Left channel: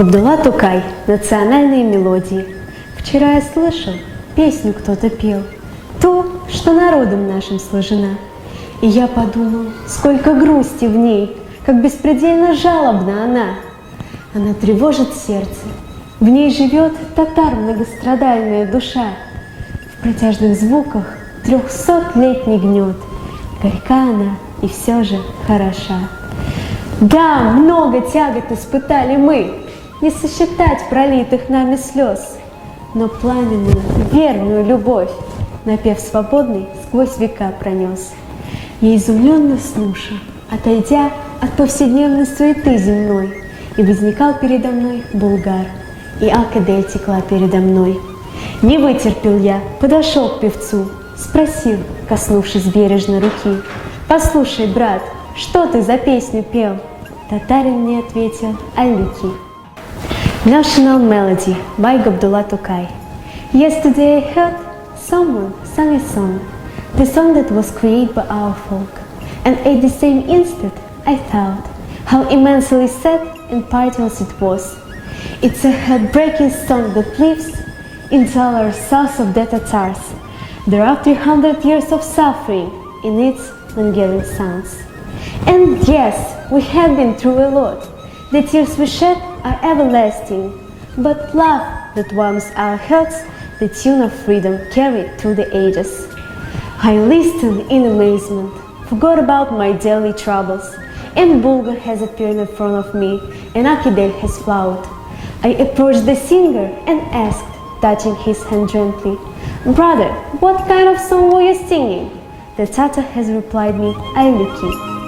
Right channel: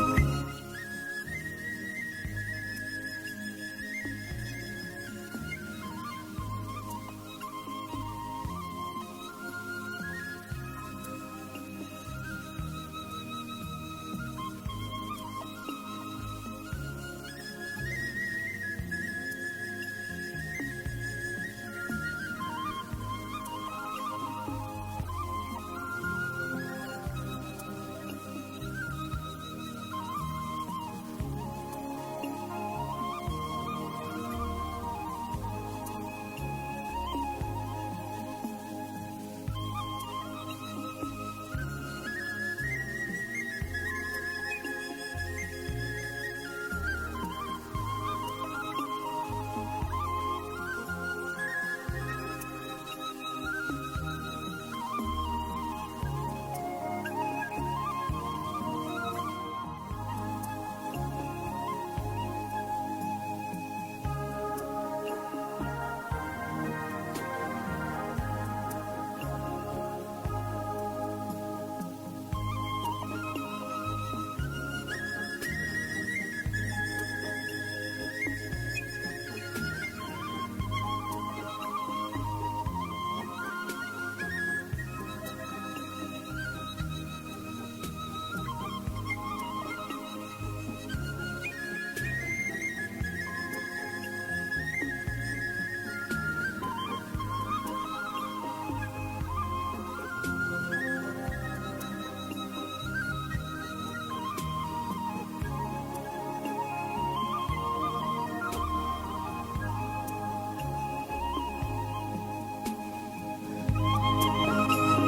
Габдулла Тукай. Национальные мелодии. Вчера я слышал, песню кто-то пел, ту, что народом нашим сложена. И я подумал, сколько грусти в ней, как беспредельно жалобна она. Она тревожит сердце, в ней живет татар многострадальная душа. В протяжных звуках 300-летний гнет, горька она и все же хороша. Да, много тягот испытали мы, не сосчитать пролитых нами слез, но пламенную, верную любовь напев свободный сквозь века пронес. Я изумленно слушал, отойдя от повседневной суеты земной, и возникал передо мной Булгар, и Акадель текла передо мной. Не вытерпел я, подошел к певцу, спросил, коснувшись бережно руки: «Послушай, брат, что ты за песню пел?» Татарин мне ответил: «Алики». National Melody by Габдулла Тукай. Yesterday I heard someone sang a song, the song that was created by our folk, and at the same instant I thought how immensely sad and piteous it was. It's a heartbreaking song that lives in the our south of the Tatars. There are 300 years of suffering in its wailing sounds. And yes, we have been through a lot. The tears we shed are everlasting, but love that warms our hearts, the tune of freedom carried through the ages. I listened in amazement, forgot about my daily troubles, and Bulgar has appeared in front of me, and Akidel has flowed. I approached the singer and asked, touching his hand gently, "Brother, what kind of song were you singing?" The Tatar has replied me, "Ayliki."